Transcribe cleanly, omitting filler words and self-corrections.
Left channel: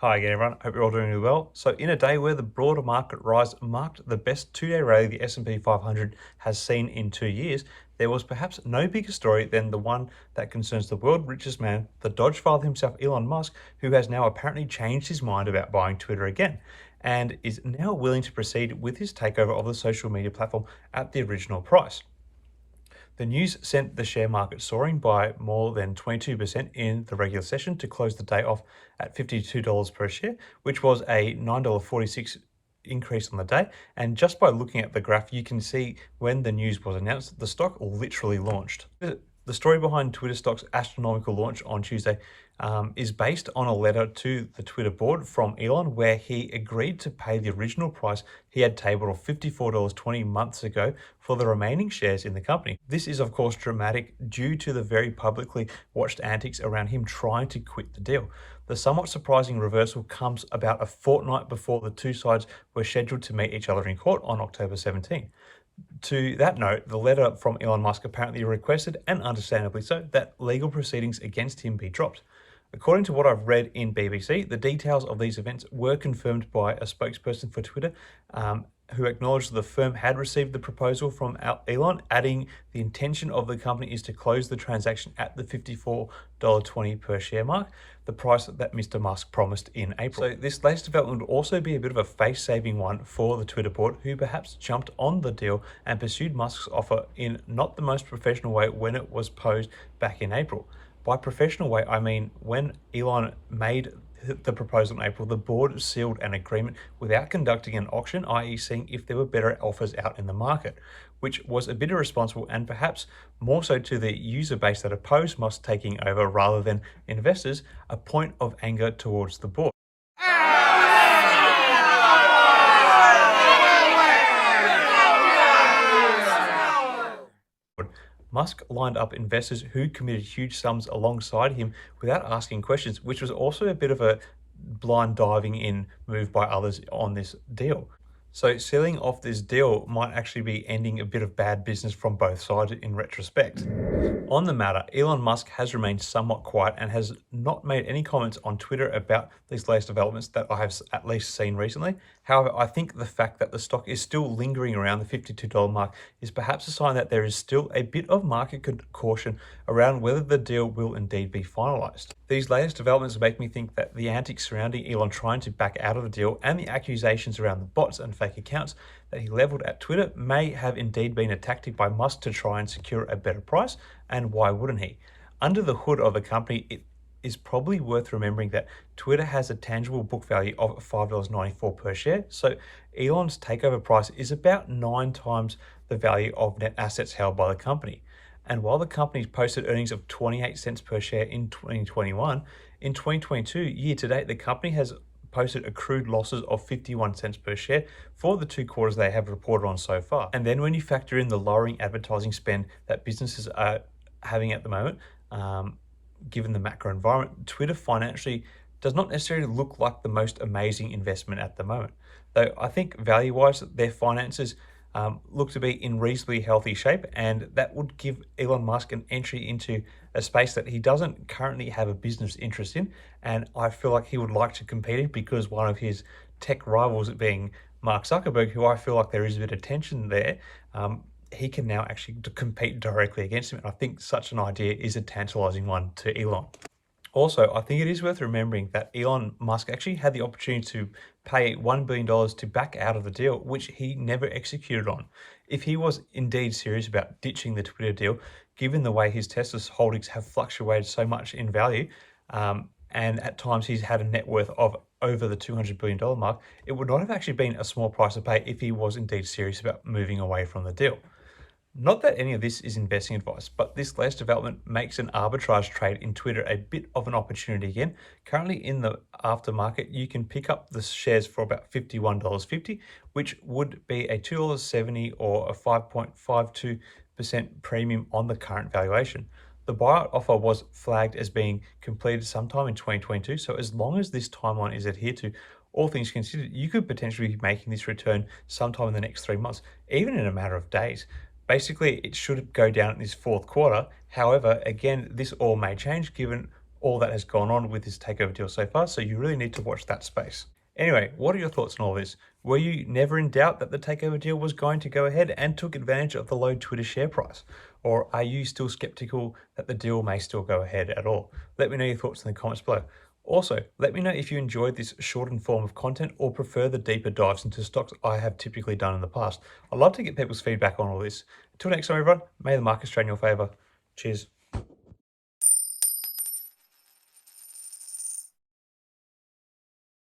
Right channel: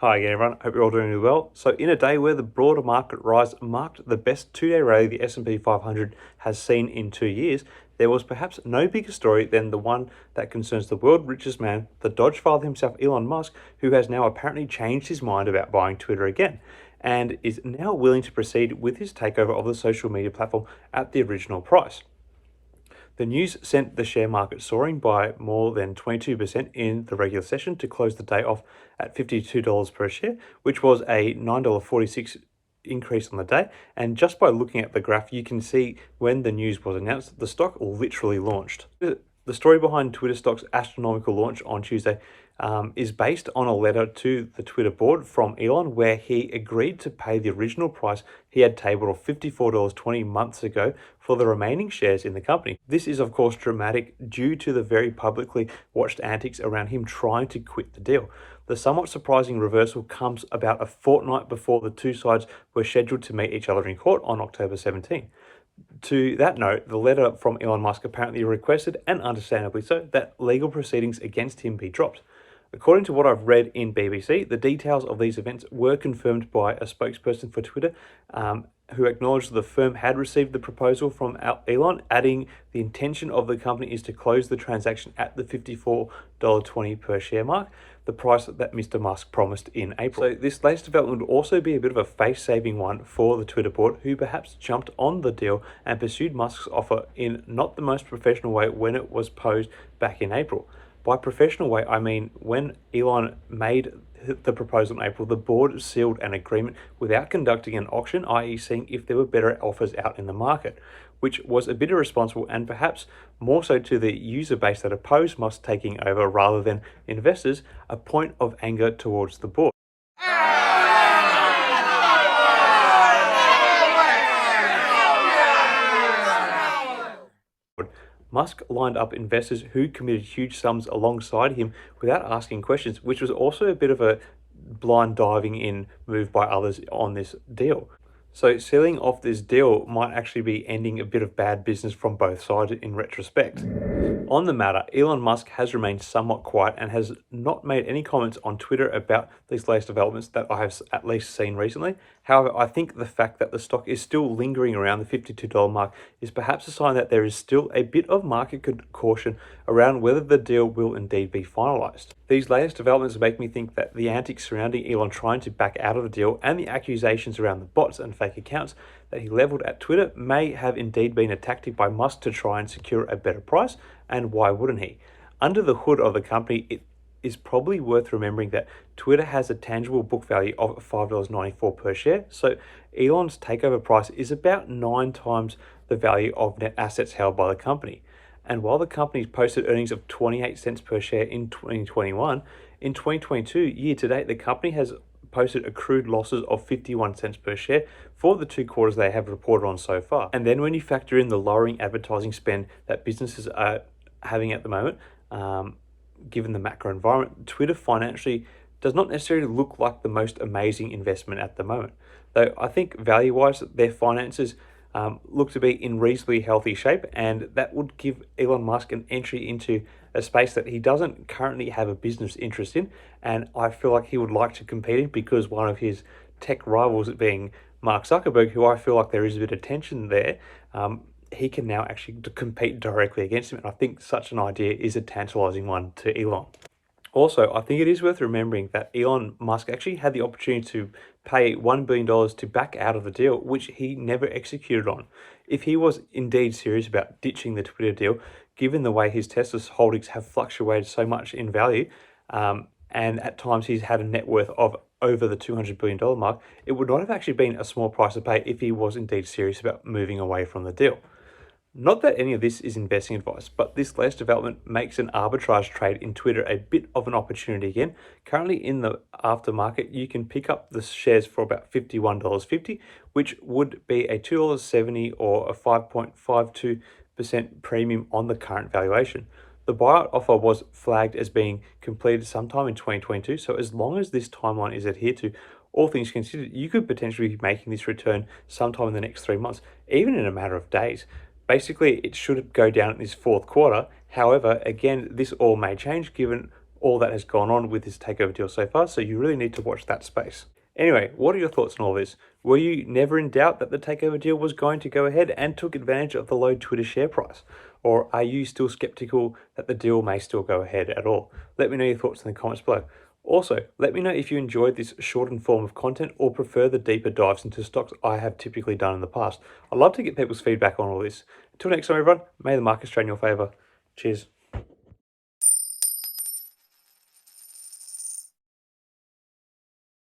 Hi again, everyone. Hope you're all doing really well. So, in a day where the broader market rise marked the best two-day rally the S&P 500 has seen in 2 years, there was perhaps no bigger story than the one that concerns the world's richest man, the Dodge father himself, Elon Musk, who has now apparently changed his mind about buying Twitter again, and is now willing to proceed with his takeover of the social media platform at the original price. The news sent the share market soaring by more than 22% in the regular session to close the day off at $52 per share, which was a $9.46 increase on the day. And just by looking at the graph, you can see when the news was announced, the stock literally launched. The story behind Twitter stock's astronomical launch on Tuesday is based on a letter to the Twitter board from Elon, where he agreed to pay the original price he had tabled of $54.20 months ago for the remaining shares in the company. This is, of course, dramatic due to the very publicly watched antics around him trying to quit the deal. The somewhat surprising reversal comes about a fortnight before the two sides were scheduled to meet each other in court on October 17. To that note, the letter from Elon Musk apparently requested, and understandably so, that legal proceedings against him be dropped. According to what I've read in BBC, the details of these events were confirmed by a spokesperson for Twitter, who acknowledged the firm had received the proposal from Elon, adding the intention of the company is to close the transaction at the $54.20 per share mark, the price that Mr. Musk promised in April. So this latest development would also be a bit of a face-saving one for the Twitter board, who perhaps jumped on the deal and pursued Musk's offer in not the most professional way when it was posed back in April. By professional way, I mean when Elon made the proposal in April, the board sealed an agreement without conducting an auction, i.e. seeing if there were better offers out in the market, which was a bit irresponsible and perhaps more so to the user base that opposed Musk taking over rather than investors, a point of anger towards the board. Musk lined up investors who committed huge sums alongside him without asking questions, which was also a bit of a blind diving in move by others on this deal. So sealing off this deal might actually be ending a bit of bad business from both sides in retrospect. On the matter, Elon Musk has remained somewhat quiet and has not made any comments on Twitter about these latest developments that I have at least seen recently. However, I think the fact that the stock is still lingering around the $52 mark is perhaps a sign that there is still a bit of market caution around whether the deal will indeed be finalized. These latest developments make me think that the antics surrounding Elon trying to back out of the deal and the accusations around the bots and fake accounts that he leveled at Twitter may have indeed been a tactic by Musk to try and secure a better price, and why wouldn't he? Under the hood of the company, it is probably worth remembering that Twitter has a tangible book value of $5.94 per share, so Elon's takeover price is about 9 times the value of net assets held by the company. And while the company's posted earnings of 28 cents per share in 2021, in 2022, year to date, the company has posted accrued losses of 51 cents per share for the 2 quarters they have reported on so far. And then when you factor in the lowering advertising spend that businesses are having at the moment, given the macro environment, Twitter financially does not necessarily look like the most amazing investment at the moment. Though I think value-wise, their finances look to be in reasonably healthy shape, and that would give Elon Musk an entry into a space that he doesn't currently have a business interest in, and I feel like he would like to compete in because one of his tech rivals being Mark Zuckerberg, who I feel like there is a bit of tension there, he can now actually compete directly against him, and I think such an idea is a tantalizing one to Elon. Also, I think it is worth remembering that Elon Musk actually had the opportunity to pay $1 billion to back out of the deal, which he never executed on. If he was indeed serious about ditching the Twitter deal, given the way his Tesla holdings have fluctuated so much in value, and at times he's had a net worth of over the $200 billion mark, it would not have actually been a small price to pay if he was indeed serious about moving away from the deal. Not that any of this is investing advice, but this latest development makes an arbitrage trade in Twitter a bit of an opportunity again. Currently in the aftermarket, you can pick up the shares for about $51.50, which would be a $2.70 or a 5.52% premium on the current valuation. The buyout offer was flagged as being completed sometime in 2022, so as long as this timeline is adhered to, all things considered, you could potentially be making this return sometime in the next 3 months, even in a matter of days. Basically, it should go down in this fourth quarter. However, again, this all may change given all that has gone on with this takeover deal so far, so you really need to watch that space. Anyway, what are your thoughts on all this? Were you never in doubt that the takeover deal was going to go ahead and took advantage of the low Twitter share price? Or are you still skeptical that the deal may still go ahead at all? Let me know your thoughts in the comments below. Also, let me know if you enjoyed this shortened form of content or prefer the deeper dives into stocks I have typically done in the past. I'd love to get people's feedback on all this. Until next time, everyone, may the markets trade in your favor. Cheers.